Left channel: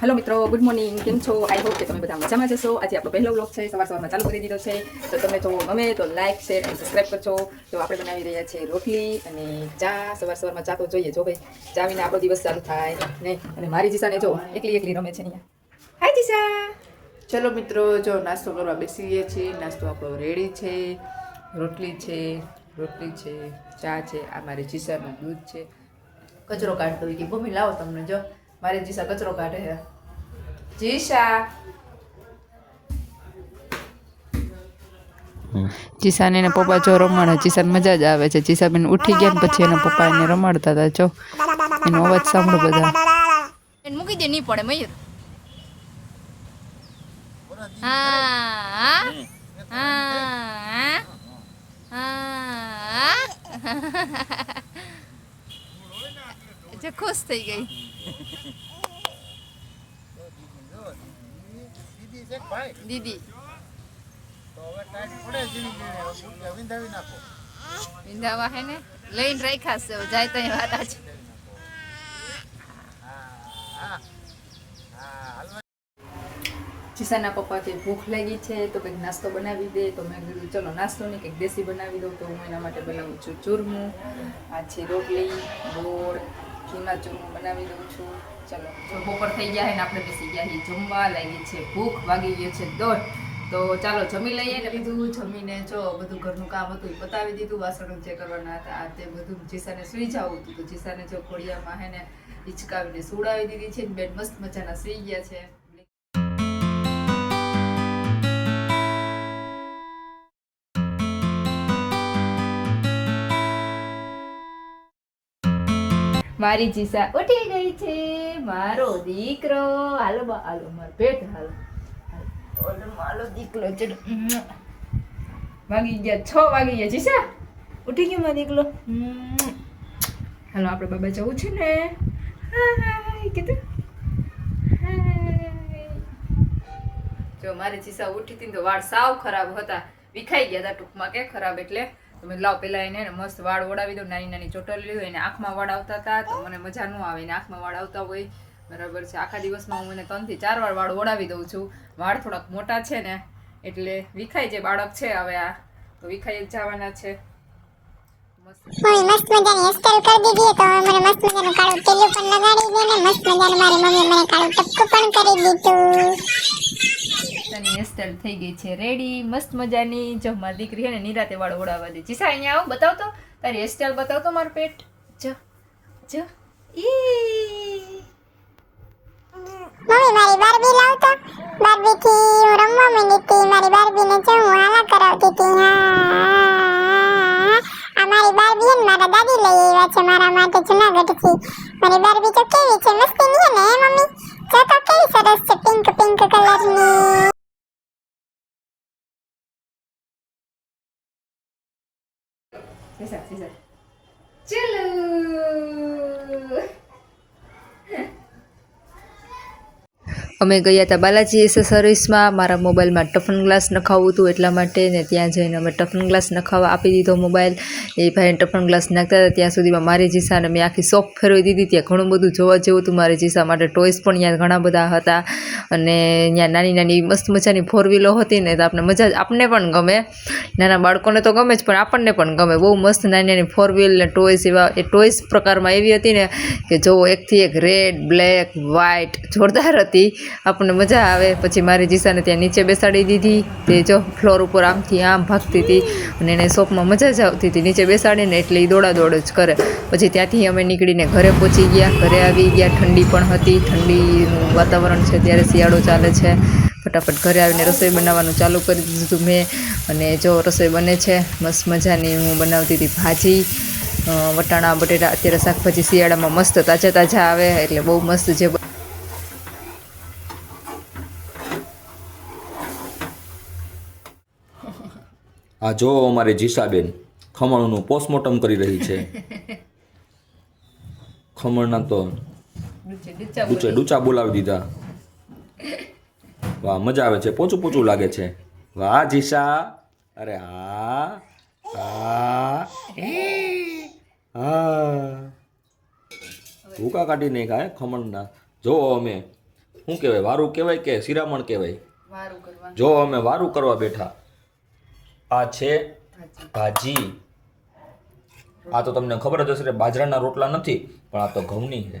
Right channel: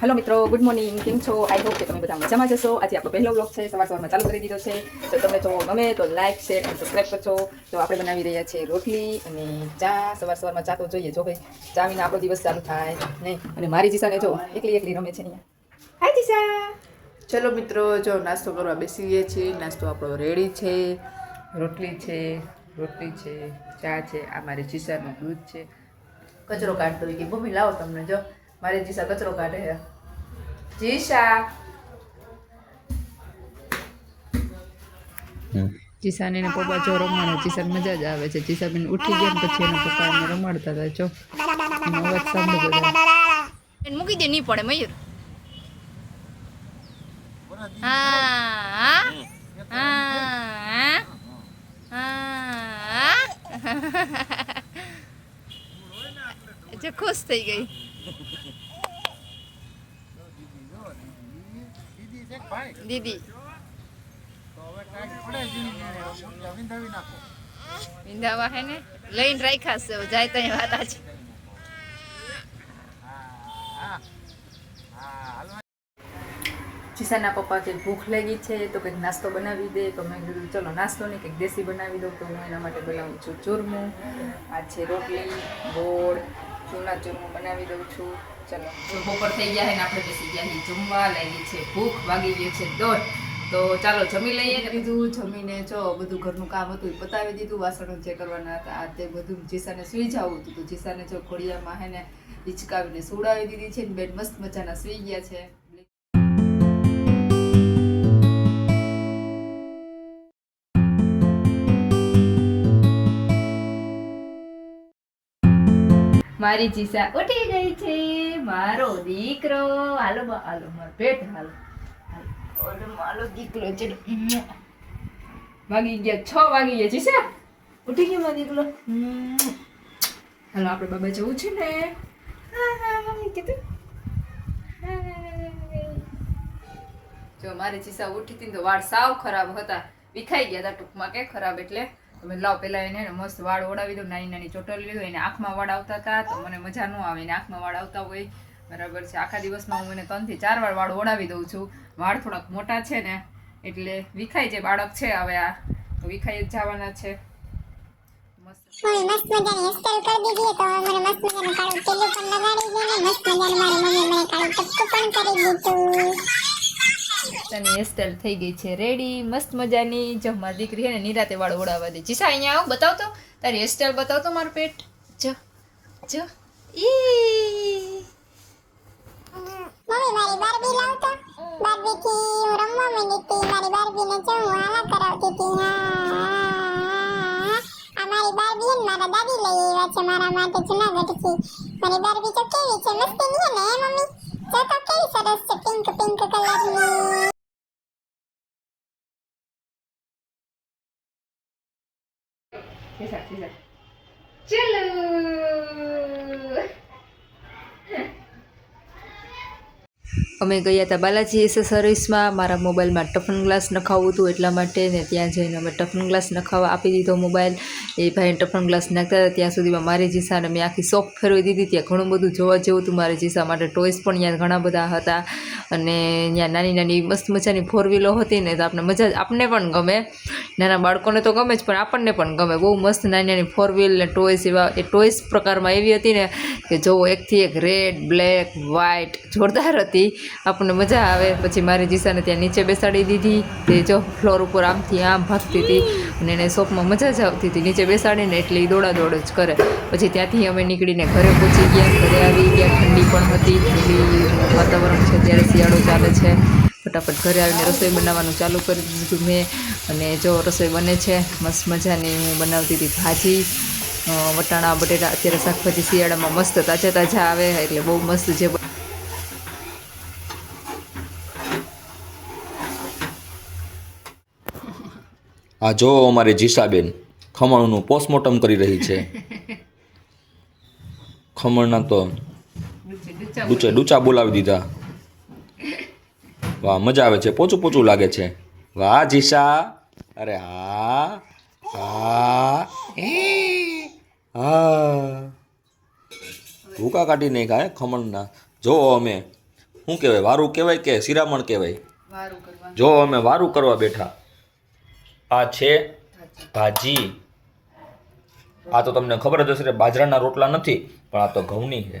Hello मित्रों, good morning. केम छो? I hope કે તમે બધા મજામાં જશો। આજે આપણો પહેલો વ્લોગ છે, સવારમાં ચાલુ કરી દીધો છે। તો તમને જો ગમે તો લાઈક, શેર અને સબસ્ક્રાઇબ કરજો। તો આપણે બનાવી રહ્યા છીએ રોટલી અને ચા। સવારમાં ચા તો જોઈએ, જો ભાઈ ચા વિના આપણો દિવસ ચાલુ થાય નહીં। અને મારી જીસાને જો એકલી એકલી રમે છે અહીંયા। હાય જીસા। ચલો મિત્રો, જો નાસ્તો કરવા બેસી ગયા છીએ। નાસ્તો આપણો રેડી છે। રોટલી છે, ચા છે, આ મારી જીસાનું દૂધ છે। કચરો કાઢતો હોય કે મમ્મી લાવો તમને, જો મારી જીસા કચરો કાઢે છે। જીસાને એના પપ્પા જો રમાડે, જીસાને મજા જ આવે છે। જીસાબેન ઉઠી ગયા ને પછી એના પપ્પા એને રમાડતા હતા। જો એનો અવાજ સાંભળો બધા। મૂકી દે, નહીં પડે મયુર। હા હા હા જે ખુશ થઈ ગઈ। દીદી વિંધાવા હે ને લઈને રાખ્યા છે, જાય તો વાત છે। જીસાના પપ્પા કે ભૂખ લાગી છે તો કંઈક નાસ્તો બનાવી દે। તો મેં કીધું ચલો નાસ્તો નહીં કંઈક દેશી બનાવી દઉં। તો હું એના માટે બનાવું છું ચૂરમું। આ છે રોટલી, ગોળ, ચૂરમા ચૂરમું બનાવી દઉં છું। ચલો, તો બપોર થઈ ગયા છે ને આપણે બેસી ગયા છીએ જમવા। લાગી છે ભૂખ, વાગી ગયો છે 1:30। તો ચાલો જમી લઈએ। કીધું જમીને જો બધું ઘરનું કામ હતું એ પતાવી દીધું। વાસણો જે કરવાના હતા આ તે બધું જીસાને સુઈ જવું હતું। તો જીસાને જો ઘોડિયામાં હે ને હિંચકાવીને સુવડાવી દીધી છે। બેન મસ્ત મજાના સુઈ ગયા છે। મારી જીસા ઉઠી ગઈ છે, મારો દીકરો। હાલો હાલો મારો પેટ, હાલો હાલો મારો દીકરો છે। વાગી ગયા 6 વાગી ગયા। જીસા ઉઠી ગયો મારો દીકરો। હાલો આપણે બાબા જવું છે ને। હાય કીધું હાય। જો મારી જીસા ઉઠી હતી તો વાળ સાવ ખરાબ હતા, વિખાઈ ગયા હતા ટૂંકમાં, કે ખરાબ એટલે તમે લાવ પેલા એને મસ્ત વાળ ઓડાવી દઉં। નાની નાની ચોટલી લીધો, એને આંખમાં વાળ આવતા હતા તો મને મજા ન આવે। એને આંખમાં વાળ આવતા હોય બરાબર છે। આખા દિવસમાં હું એને 3 થી 4 વાર વાળ ઓડાવી દઉં છું। વાળ થોડાક મોટા છે ને એટલે વિખાઈ જે બાળક છે હવે આ તો વિખાઈ જ જવાના છે। મસ્ત મજાની હેરસ્ટાઈલ કરી દીધી તો મને મસ્ત મજાનું કાળું તેલું પણ લગાડી દે ને મસ્ત મજાનું મારી મમ્મી મને કાળું ટપકું પણ કરી દીધું। તને હેરસ્ટાઈલ થઈ ગઈ છે રેડી મસ્ત મજાની। જો મારી દીકરી છે ને નિરાતે વાળ ઓડાવવા દે। જીસા અહીંયા આવ, બતાવ તો તારી હેરસ્ટાઈલ બતાવ તો મારું પેટ। જો જો ઈ મમ્મી મારી બાર્બી લાવતો, બાર્બી થી હું રમવા માંડી હતી। મારી બાર્બી ને જો હું આલા કરાવતી હતી। આ મારી બાર્બી ને મારા દાદી લઈ આવ્યા છે મારા માટે જુનાગઢ થી। મારી બાર્બી તો કેવી છે, મસ્તી ની ને મમ્મી? જો તો કેવી સરસ છે, પિંક પિંક કલરની। જીસા જીસા ચલો। અમે ગયા હતા બાલાજી એસેસરીઝમાં। મારા મોબાઈલમાં ટફન ગ્લાસ નખાવવું હતું એટલા માટે ને ત્યાં જઈને અમે ટફન ગ્લાસ નખાવવા આપી દીધો મોબાઈલ। એ ભાઈને ટફન ગ્લાસ નાખતા હતા ત્યાં સુધીમાં મારી જીસાને મેં આખી શોપ ફેરવી દીધી। ત્યાં ઘણું બધું જોવા જેવું હતું મારી જીસા માટે। ટોયસ પણ ત્યાં ઘણા બધા હતા અને ત્યાં નાની નાની મસ્ત મજાની 4 વ્હીલો હતી ને તો આપણે મજા આપને પણ ગમે। નાના બાળકોને તો ગમે જ પણ આપણને પણ ગમે। બહુ મસ્ત નાની નાની 4 વ્હીલ ને ટોયસ એવા એ ટોયસ પ્રકારમાં એવી હતી ને કે જો એકથી એક રેડ, બ્લેક, વ્હાઇટ જોરદાર હતી। આપણને મજા આવે। પછી મારી જીસાને ત્યાં નીચે બેસાડી દીધી। તે જો ફ્લોર ઉપર આમથી આમ ભાગતી હતી અને એને શોપમાં મજા જ આવતી હતી નીચે બેસાડીને, એટલે એ દોડા દોડ જ કરે। પછી ત્યાંથી અમે નીકળીને ઘરે પહોંચી ગયા। ઘરે આવી ગયા, ઠંડી પણ હતી, ઠંડી વાતાવરણ છે, ત્યારે શિયાળો ચાલે છે। ફટાફટ ઘરે આવીને રસોઈ બનાવવાનું ચાલુ કરી દીધું મેં અને જો રસોઈ બને છે મસ્ત મજાની। હું બનાવતી હતી ભાજી, વટાણા બટેટા। અત્યારે શાકભાજી શિયાળામાં મસ્ત તાજા તાજા આવે એટલે બહુ મસ્ત છે। આ જો અમારી જીસાબેન ખમણનું પોસ્ટમોર્ટમ કરી રહી છે। ખમણના તો ડૂચા બોલાવી દીધા। વાહ, મજા આવે છે, પોચું પોચું લાગે છે। વાહ જીસા, અરે હા હા હા ભૂકા કાઢી નાખ્યા ખમણના। જો અમે શું કહેવાય, વારું કહેવાય કે શિરામણ કહેવાય? વારું કરવા જો અમે વારું કરવા બેઠા. આ છે ભાજી. આ તો તમને ખબર જ હશે, બાજરાના રોટલા નથી, પણ આ તો ઘઉંની છે.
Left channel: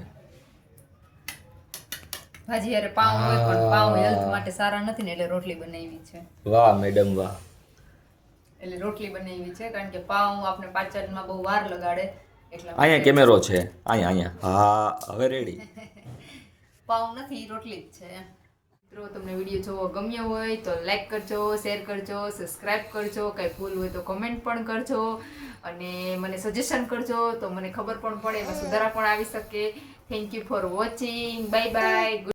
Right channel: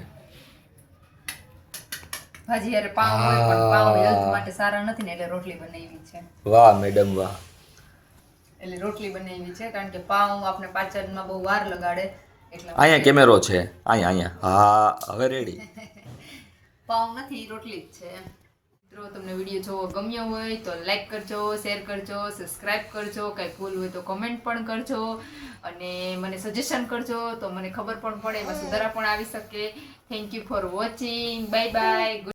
ભાજી યારે પાઉં હોય પણ પાઉં હેલ્થ માટે સારા નથી ને એટલે રોટલી બનાવી છે. વાહ મેડમ વાહ. એટલે રોટલી બનાવી છે કારણ કે પાઉં આપણે પાચનમાં બહુ વાર લગાડે એટલા અહીંયા કેમેરો છે, અહીંયા. હા હવે રેડી. પાઉં નથી, રોટલી જ છે. મિત્રો તમને વિડીયો જોવો ગમ્યો હોય તો લાઈક કરજો, શેર કરજો, સબસ્ક્રાઇબ કરજો, કંઈ ભૂલ હોય તો કમેન્ટ પણ કરજો અને મને સજેશન કરજો તો મને ખબર પણ પડે, એમાં સુધારા પણ આવી શકે. Thank you for watching. Bye bye.